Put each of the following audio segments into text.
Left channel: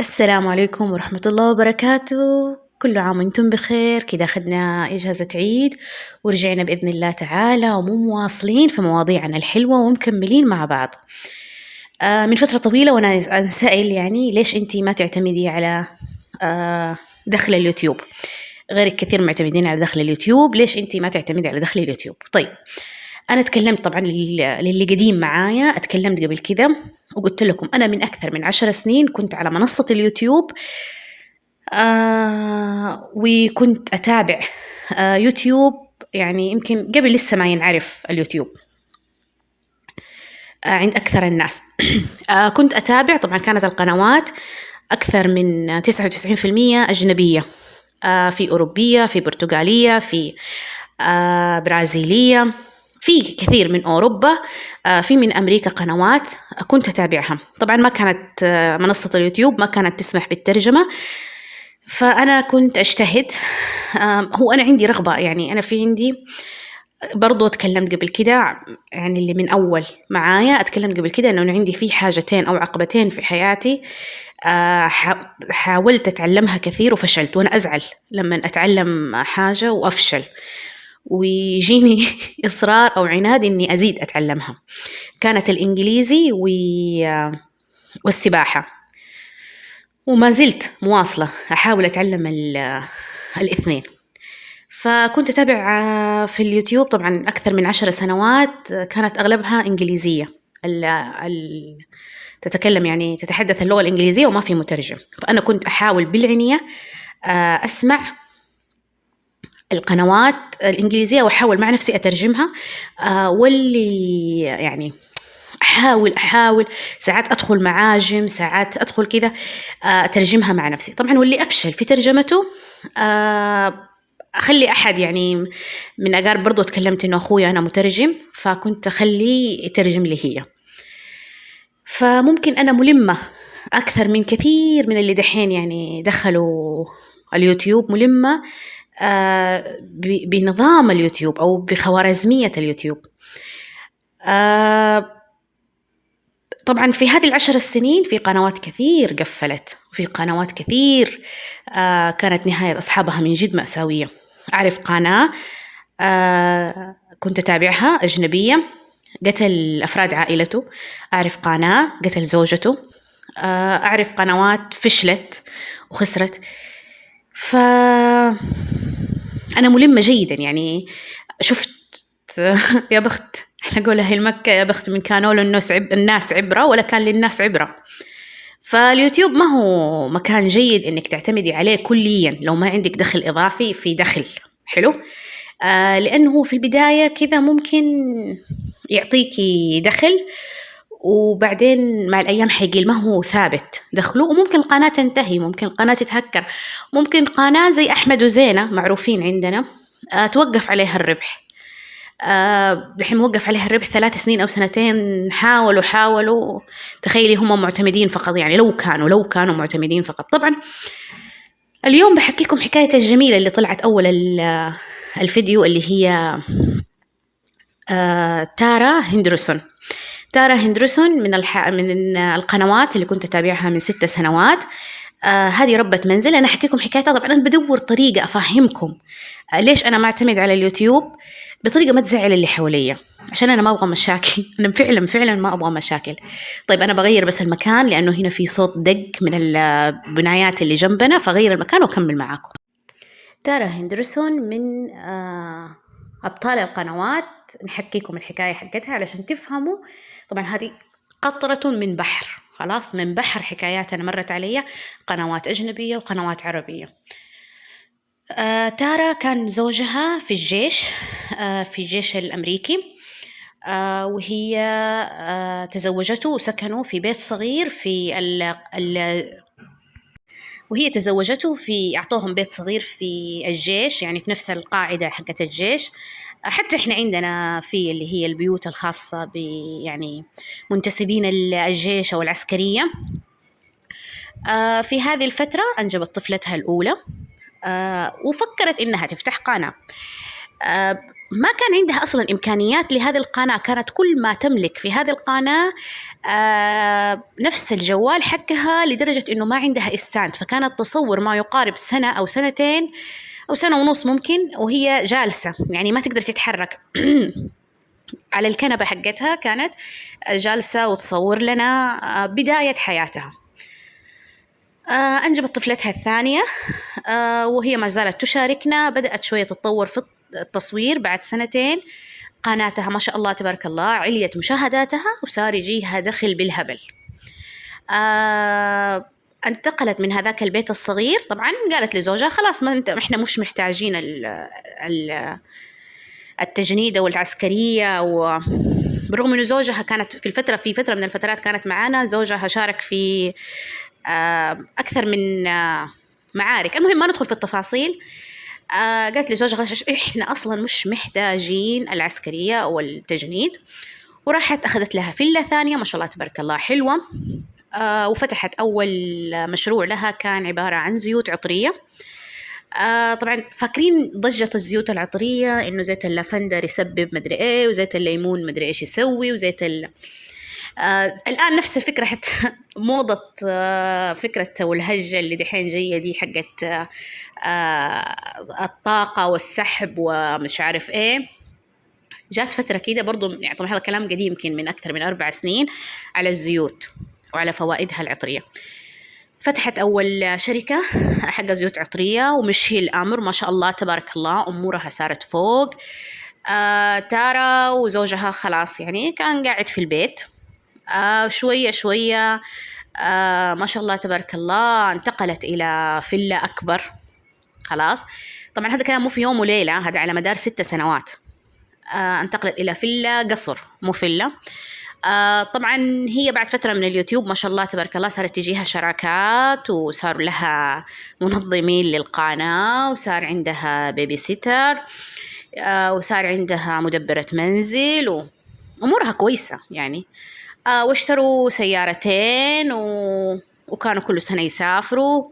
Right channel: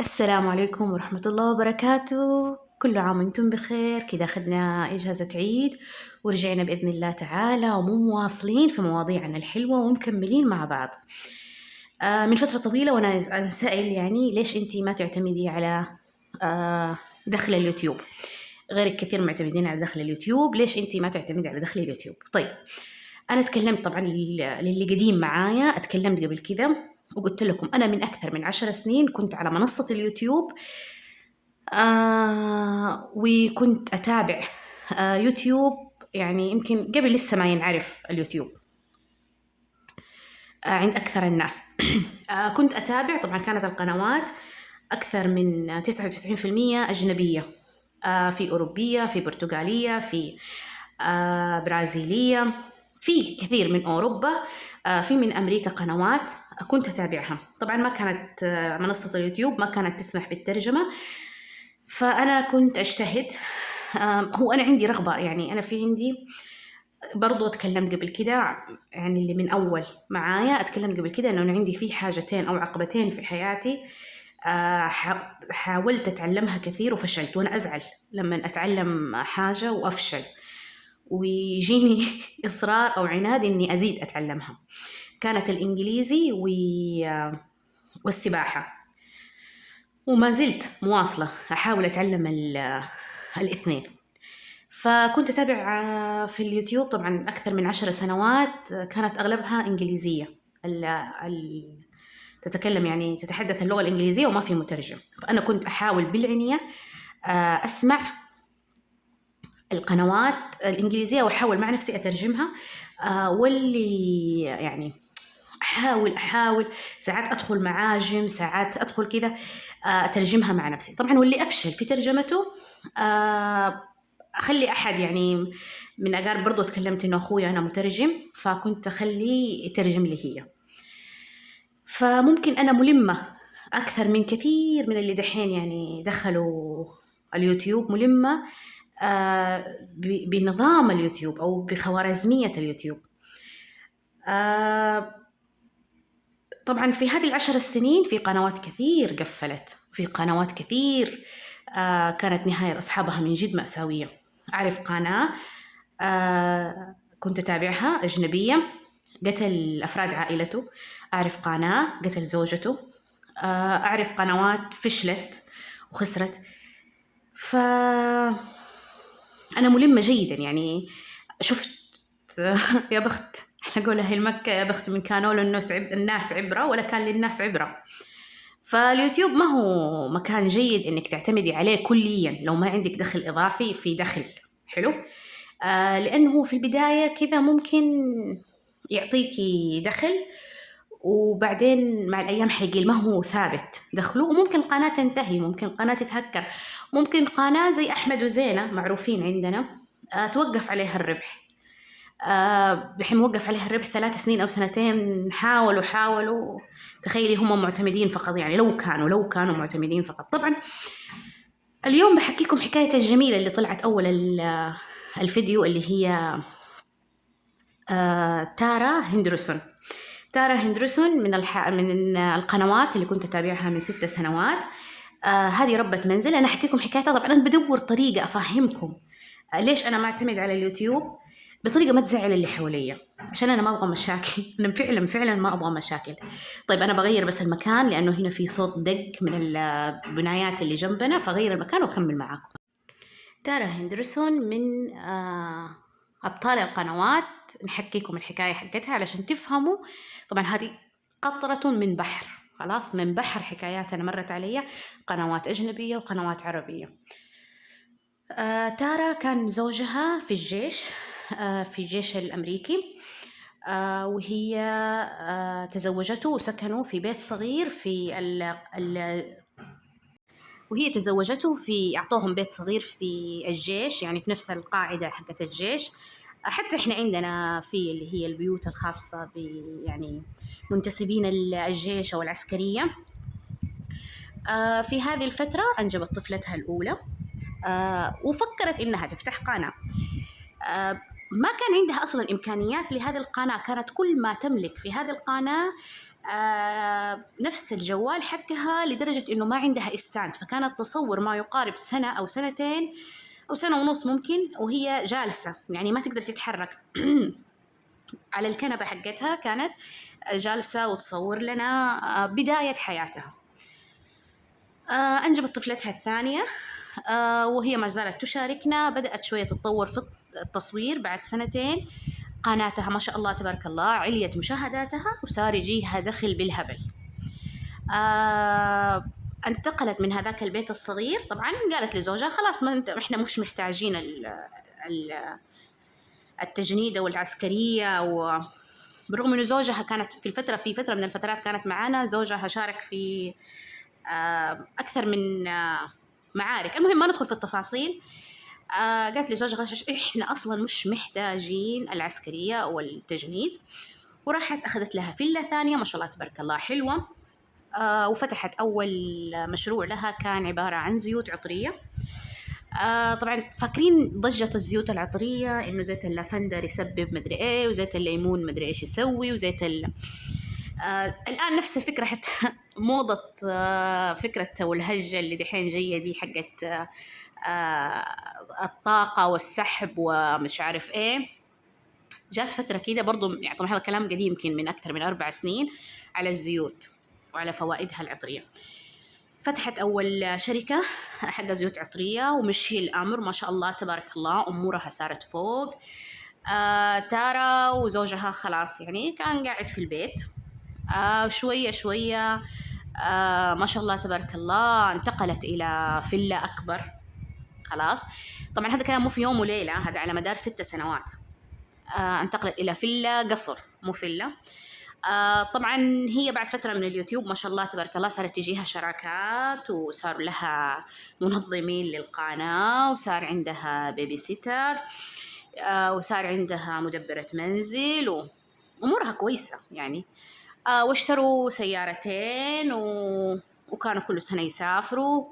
السلام عليكم ورحمة الله وبركاته. كل عام وانتم بخير. كده أخذنا إجازة عيد ورجعنا بإذن الله تعالى ومواصلين في مواضيعنا الحلوة ومكملين مع بعض. من فترة طويلة وأنا أنسأل يعني ليش أنتي ما تعتمدي على دخل اليوتيوب؟ غيرك كثير معتمدين على دخل اليوتيوب، ليش أنتي ما تعتمدي على دخل اليوتيوب؟ طيب، أنا تكلمت طبعا للي قديم معايا، اتكلمت قبل كده وقلت لكم أنا من أكثر من 10 سنين كنت على منصة اليوتيوب. وكنت أتابع يوتيوب، يعني يمكن قبل لسه ما ينعرف اليوتيوب عند أكثر الناس. كنت أتابع، طبعا كانت القنوات أكثر من 99% أجنبية، في أوروبية، في برتغالية، في برازيلية، في كثير من أوروبا، في من أمريكا قنوات كنت أتابعها. طبعا ما كانت منصة اليوتيوب ما كانت تسمح بالترجمة، فأنا كنت أجتهد. هو أنا عندي رغبة، يعني أنا في عندي برضو اتكلمت قبل كده، يعني اللي من أول معايا اتكلمت قبل كده إنه عندي في حاجتين أو عقبتين في حياتي. حاولت أتعلمها كثير وفشلت، وأنا أزعل لما أتعلم حاجة وأفشل ويجيني إصرار أو عناد إني أزيد أتعلمها. كانت الإنجليزي والسباحة، وما زلت مواصلة أحاول أتعلم الاثنين. فكنت أتابع في اليوتيوب طبعا أكثر من 10 سنوات، كانت أغلبها إنجليزية، تتكلم يعني تتحدث اللغة الإنجليزية وما في مترجم. فأنا كنت أحاول بالعنية أسمع القنوات الإنجليزية وأحاول مع نفسي أترجمها. واللي يعني أحاول ساعات أدخل معاجم، ساعات أدخل كذا أترجمها مع نفسي. طبعا واللي أفشل في ترجمته أخلي أحد، يعني من أقارب برضو تكلمت إنه أخويا أنا مترجم، فكنت أخليه يترجم لي هي. فممكن أنا ملمة أكثر من كثير من اللي دحين يعني دخلوا اليوتيوب، ملمة بنظام اليوتيوب أو بخوارزمية اليوتيوب. طبعا في هذه ال10 سنين في قنوات كثير قفلت، وفي قنوات كثير كانت نهاية أصحابها من جد مأساوية. أعرف قناة كنت أتابعها أجنبية، قتل أفراد عائلته. أعرف قناة قتل زوجته. أعرف قنوات فشلت وخسرت. فأنا ملمة جيدا، يعني شفت يا بخت، احنا نقولها المكة، يا بخت من كانوا له الناس عبرة ولا كان للناس عبرة. فاليوتيوب ما هو مكان جيد انك تعتمدي عليه كليا لو ما عندك دخل اضافي، في دخل حلو. لانه في البداية كذا ممكن يعطيكي دخل، وبعدين مع الأيام حيقل، ما هو ثابت دخله، وممكن القناة تنتهي، ممكن القناة تتهكر، ممكن قناة زي أحمد وزينة معروفين عندنا توقف عليها الربح. الحين موقف عليها الربح 3 سنين أو سنتين. حاولوا تخيلي هم معتمدين فقط، يعني لو كانوا معتمدين فقط. طبعا اليوم بحكيكم حكاية الجميلة اللي طلعت أول الفيديو، اللي هي تارا هندرسون. تارا هندرسون من القنوات اللي كنت أتابعها من 6 سنوات. هذه ربة منزل. أنا أحكيكم حكايتها. طبعا أنا بدور طريقة أفهمكم ليش أنا ما أعتمد على اليوتيوب بطريقة ما تزعل اللي حواليا، عشان أنا ما أبغى مشاكل. أنا فعلا ما أبغى مشاكل. طيب أنا بغير بس المكان لأنه هنا في صوت دق من البنايات اللي جنبنا، فغير المكان وأكمل معاكم. تارا هندرسون من أبطال القنوات. نحكيكم الحكاية حقتها علشان تفهموا. طبعا هذه قطرة من بحر، خلاص من بحر حكايات أنا مرت علي، قنوات أجنبية وقنوات عربية. تارا كان زوجها في الجيش، في الجيش الأمريكي. وهي تزوجته وسكنوا في بيت صغير في وهي تزوجته أعطوهم بيت صغير في الجيش، يعني في نفس القاعدة حقت الجيش. حتى إحنا عندنا في اللي هي البيوت الخاصة يعني منتسبين الجيش أو العسكرية. في هذه الفترة أنجبت طفلتها الأولى، وفكرت إنها تفتح قناة. ما كان عندها أصلا إمكانيات لهذه القناة، كانت كل ما تملك في هذه القناة نفس الجوال حقها، لدرجة إنه ما عندها إستاند، فكانت تصور ما يقارب سنة أو سنتين أو سنة ونص ممكن وهي جالسة، يعني ما تقدر تتحرك على الكنبة حقتها، كانت جالسة وتصور لنا بداية حياتها. أنجبت طفلتها الثانية، وهي ما زالت تشاركنا. بدأت شوية تتطور في التصوير. بعد سنتين قناتها ما شاء الله تبارك الله عليت مشاهداتها وصار يجيها دخل بالهبل. انتقلت من هذاك البيت الصغير. طبعا قالت لزوجها خلاص ما احنا مش محتاجين التجنيد والعسكرية. وبرغم انه زوجها كانت في فترة من الفترات كانت معانا، زوجها شارك في أكثر من معارك. المهم ما ندخل في التفاصيل. قالت لي زوجها إحنا أصلا مش محتاجين العسكرية والتجنيد، وراحت أخذت لها فيلا ثانية ما شاء الله تبارك الله حلوة. وفتحت أول مشروع لها كان عبارة عن زيوت عطرية. طبعا فاكرين ضجة الزيوت العطرية إنه زيت اللافندر يسبب مدري إيه، وزيت الليمون مدري إيش يسوي، وزيت الآن نفس الفكرة حتى موضة فكرة والهجة اللي دحين جاية دي حقت الطاقة والسحب ومش عارف إيه. جات فترة كده برضو، يعني طبعا هذا كلام قديم يمكن من أكثر من 4 سنين، على الزيوت وعلى فوائدها العطرية. فتحت أول شركة حق زيوت عطرية ومشي الأمر ما شاء الله تبارك الله، أمورها صارت فوق. تارا وزوجها خلاص يعني كان قاعد في البيت. شوية شوية ما شاء الله تبارك الله انتقلت إلى فيلا أكبر. خلاص طبعا هذا كلام مو في يوم وليلة، هذا على مدار 6 سنوات. انتقلت إلى فيلا قصر مو فيلا. طبعا هي بعد فترة من اليوتيوب ما شاء الله تبارك الله صارت تجيها شراكات، وصار لها منظمين للقناة، وصار عندها بيبي سيتر، وصار عندها مدبرة منزل، وأمورها كويسة يعني. واشتروا سيارتين وكانوا كل سنة يسافروا،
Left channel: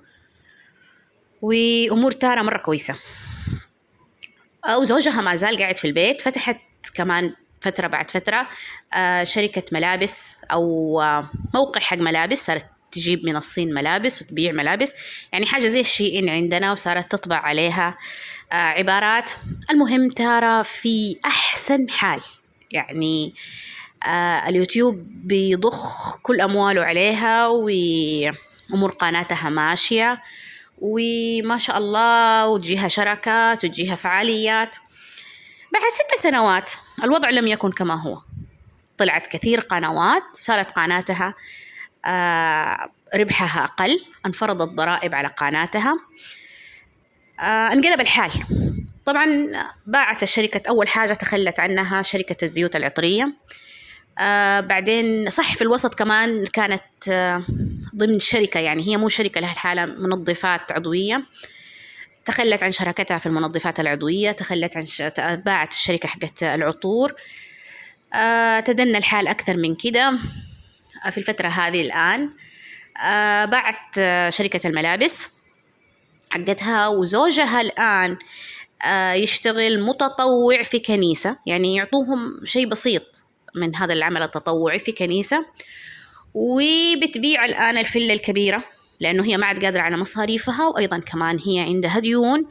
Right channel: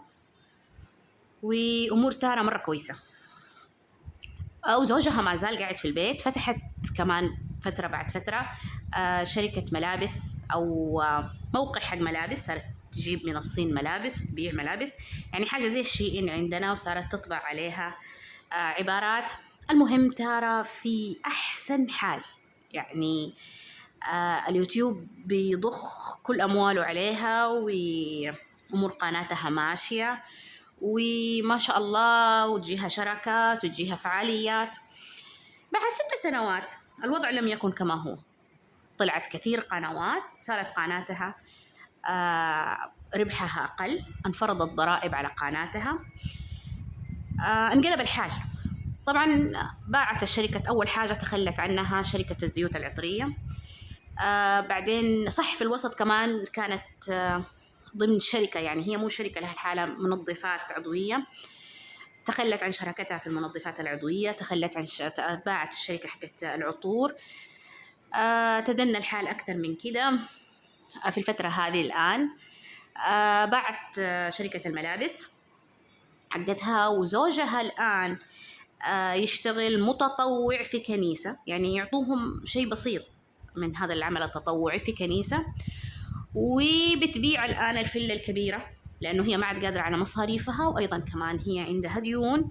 وأمور تارا مرة كويسة. وزوجها ما زال قاعد في البيت. فتحت كمان فترة بعد فترة شركة ملابس أو موقع حق ملابس، صارت تجيب من الصين ملابس وتبيع ملابس، يعني حاجة زي الشيئين عندنا، وصارت تطبع عليها عبارات. المهم تارا في أحسن حال يعني. اليوتيوب بيضخ كل أمواله عليها، وأمور قناتها ماشية وما شاء الله، وتجيها شراكات وتجيها فعاليات. بعد 6 سنوات الوضع لم يكن كما هو. طلعت كثير قنوات، صارت قناتها ربحها أقل، انفرضت ضرائب على قناتها، انقلب الحال. طبعا باعت الشركة، أول حاجة تخلت عنها شركة الزيوت العطرية. بعدين صح في الوسط كمان كانت ضمن شركة، يعني هي مو شركة لها الحالة، منظفات عضوية. تخلت عن شراكتها في المنظفات العضوية، تخلت عن باعت الشركة حقت العطور. تدنى الحال أكثر من كده في الفترة هذه الآن. باعت شركة الملابس حقتها، وزوجها الآن يشتغل متطوع في كنيسة، يعني يعطوهم شيء بسيط من هذا العمل التطوعي في كنيسة. وبتبيع الآن الفيلا الكبيرة لأنه هي ما عاد قادرة على مصاريفها، وأيضا كمان هي عندها ديون.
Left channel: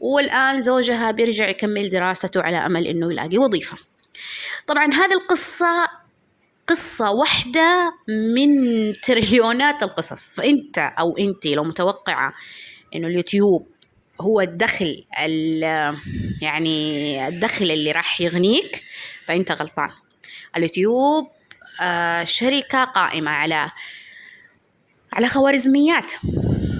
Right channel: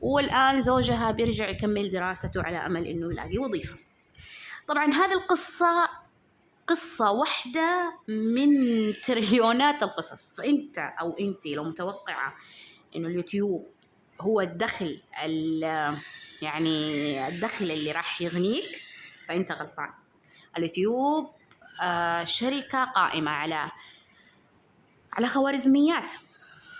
والآن زوجها بيرجع يكمل دراسته على أمل إنه يلاقي وظيفة. طبعا هذه القصة قصة واحدة من تريليونات القصص. فأنت أو أنتي لو متوقعة إنه اليوتيوب هو الدخل يعني الدخل اللي راح يغنيك، فأنت غلطان. اليوتيوب شركة قائمة على خوارزميات،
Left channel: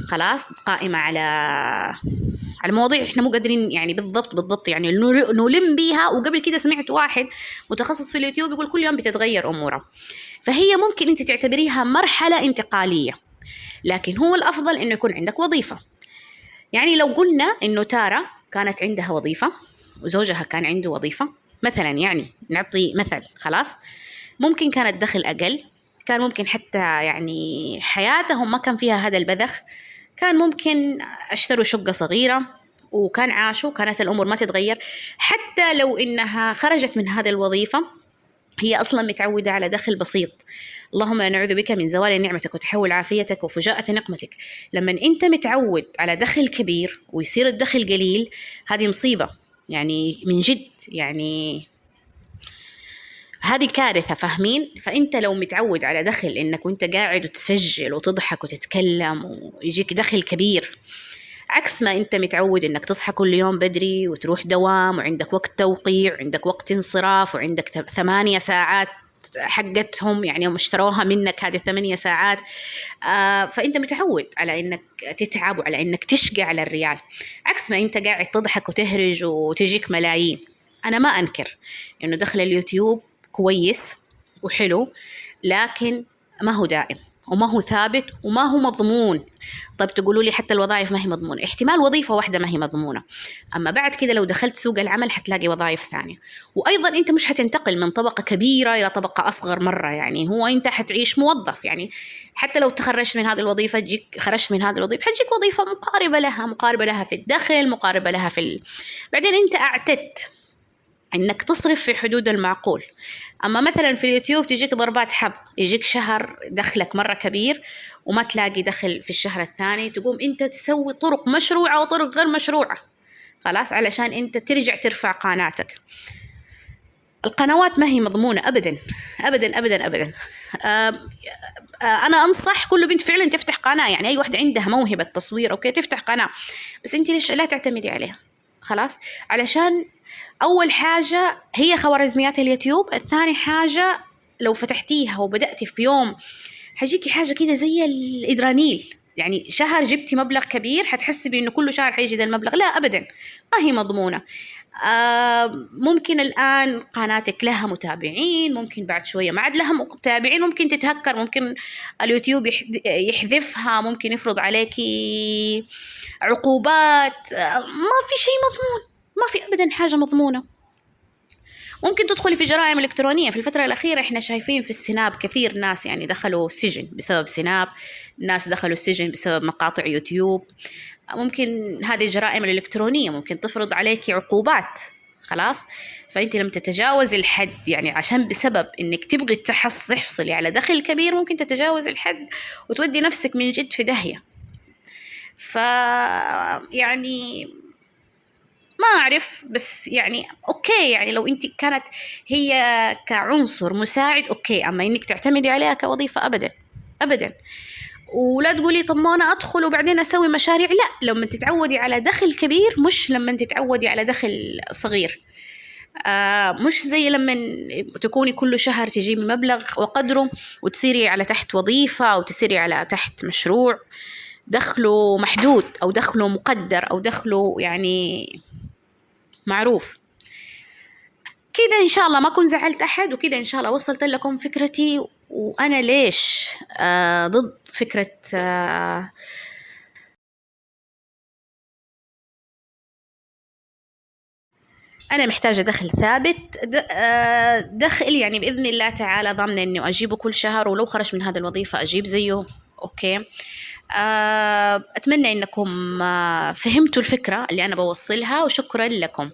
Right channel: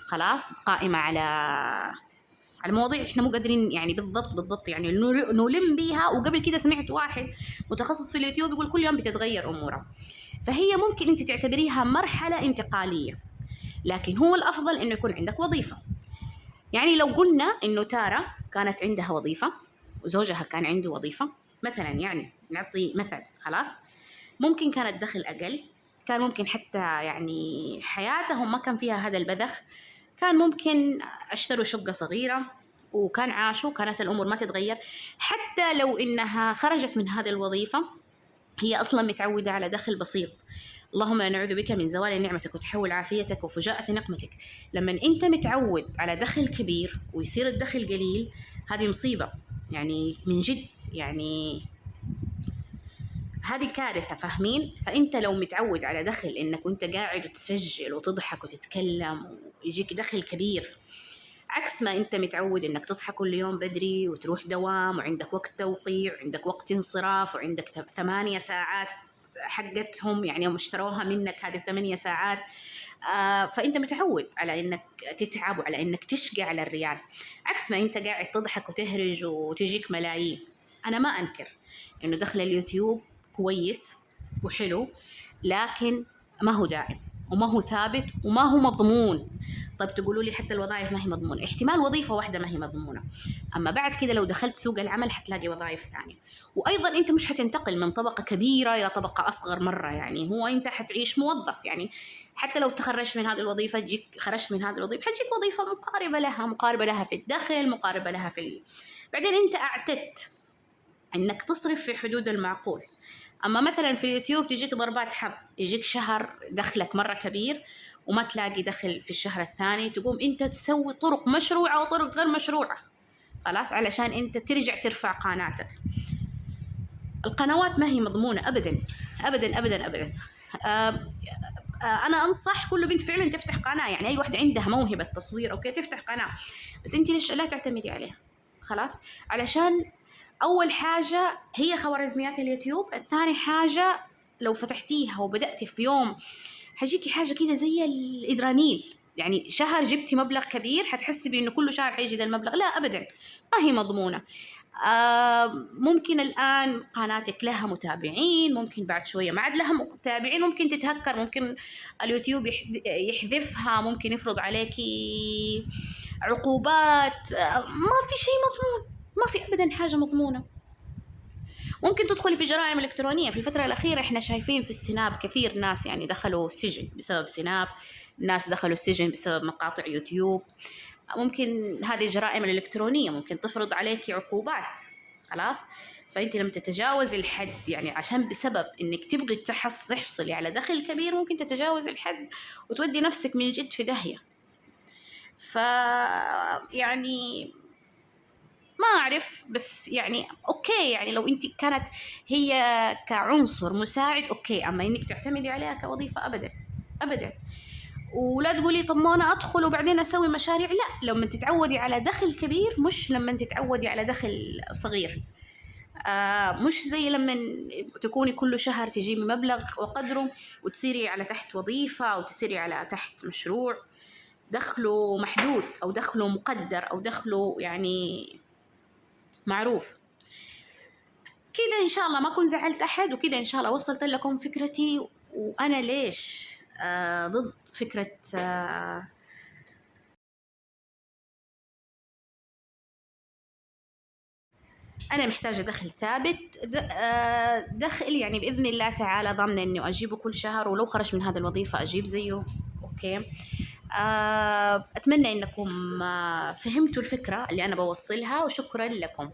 خلاص قائمة على مواضيع احنا مو قادرين يعني بالضبط يعني نلم بيها. وقبل كده سمعت واحد متخصص في اليوتيوب يقول كل يوم بتتغير أموره، فهي ممكن انت تعتبريها مرحلة انتقالية، لكن هو الأفضل انه يكون عندك وظيفة. يعني لو قلنا انه تارا كانت عندها وظيفة وزوجها كان عنده وظيفة مثلا، يعني نعطي مثل، خلاص ممكن كان الدخل أقل، كان ممكن حتى يعني حياتهم ما كان فيها هذا البذخ، كان ممكن اشتروا شقة صغيرة وكان عاشوا، كانت الأمور ما تتغير. حتى لو إنها خرجت من هذه الوظيفة هي أصلا متعودة على دخل بسيط. اللهم نعوذ بك من زوال نعمتك وتحول عافيتك وفجاءة نقمتك. لما أنت متعود على دخل كبير ويصير الدخل قليل، هذه مصيبة يعني من جد، يعني هذه كارثة، فاهمين؟ فأنت لو متعود على دخل إنك وأنت قاعد وتسجل وتضحك وتتكلم ويجيك دخل كبير، عكس ما أنت متعود إنك تصحى كل يوم بدري وتروح دوام وعندك وقت توقيع وعندك وقت انصراف وعندك 8 ساعات حقتهم، يعني هم اشتروها منك هذه 8 ساعات. فأنت متعود على إنك تتعب وعلى إنك تشقى على الريال، عكس ما أنت قاعد تضحك وتهرج وتجيك ملايين. أنا ما أنكر إنه دخل اليوتيوب كويس وحلو، لكن ما هو دائم وما هو ثابت وما هو مضمون. طيب تقولوا لي حتى الوظائف ما هي مضمونة، احتمال وظيفة واحدة ما هي مضمونة، أما بعد كده لو دخلت سوق العمل حتلاقي وظائف ثانية. وأيضا أنت مش حتنتقل من طبقة كبيرة إلى طبقة أصغر مرة، يعني هو أنت حتعيش موظف. يعني حتى لو تخرجت من هذه الوظيفة خرجت من هذه الوظيفة حتجيك وظيفة مقاربة لها في الدخل، مقاربة لها بعدين أنت أعتدت إنك تصرف في حدود المعقول. أما مثلا في اليوتيوب تجيك ضربات حظ، يجيك شهر دخلك مرة كبير وما تلاقي دخل في الشهر الثاني، تقوم أنت تسوي طرق مشروعة وطرق غير مشروعة خلاص علشان أنت ترجع ترفع قناتك. القنوات ما هي مضمونة أبدا أبدا أبدا أبدا. أنا أنصح كل بنت فعلا تفتح قناة، يعني أي واحدة عندها موهبة تصوير أوكي تفتح قناة، بس أنت ليش لا تعتمدي عليها خلاص؟ علشان أول حاجة هي خوارزميات اليوتيوب، الثاني حاجة لو فتحتيها وبدأتي في يوم حيجيكي حاجة كده زي الإدرانيل، يعني شهر جبتي مبلغ كبير حتحسي بأنه كل شهر حيجي ذا المبلغ، لا أبدا ما هي مضمونة. ممكن الآن قناتك لها متابعين، ممكن بعد شوية ما عاد لها متابعين، ممكن تتهكر، ممكن اليوتيوب يحذفها، ممكن يفرض عليكي عقوبات، ما في شيء مضمون، ما في أبدا حاجة مضمونة. ممكن تدخلي في جرائم إلكترونية. في الفترة الأخيرة إحنا شايفين في السناب كثير ناس يعني دخلوا السجن بسبب سناب، ناس دخلوا السجن بسبب مقاطع يوتيوب. ممكن هذه الجرائم الإلكترونية ممكن تفرض عليك عقوبات خلاص. فأنت لما تتجاوز الحد، يعني عشان بسبب إنك تبغي تحصلي على دخل كبير، ممكن تتجاوز الحد وتودي نفسك من جد في داهية. يعني ما أعرف، بس يعني أوكي، يعني لو أنت كانت هي كعنصر مساعد أوكي، أما إنك تعتمدي عليها كوظيفة أبدا أبدا. ولا تقولي طب ما أنا أدخل وبعدين أسوي مشاريع، لا، لما تتعودي على دخل كبير مش لما تتعودي على دخل صغير. مش زي لما تكوني كل شهر تجيبي مبلغ وقدره وتصيري على تحت وظيفة أو تصيري على تحت مشروع دخله محدود أو دخله مقدر أو دخله يعني معروف. كده إن شاء الله ما كنت زعلت أحد، وكده إن شاء الله وصلت لكم فكرتي وأنا ليش ضد فكرة أنا محتاجة دخل ثابت، دخل يعني بإذن الله تعالى ضامنة إنه أجيبه كل شهر، ولو خرج من هذه الوظيفة أجيب زيه أوكي. أتمنى إنكم فهمتوا الفكرة اللي أنا بوصلها، وشكرا لكم.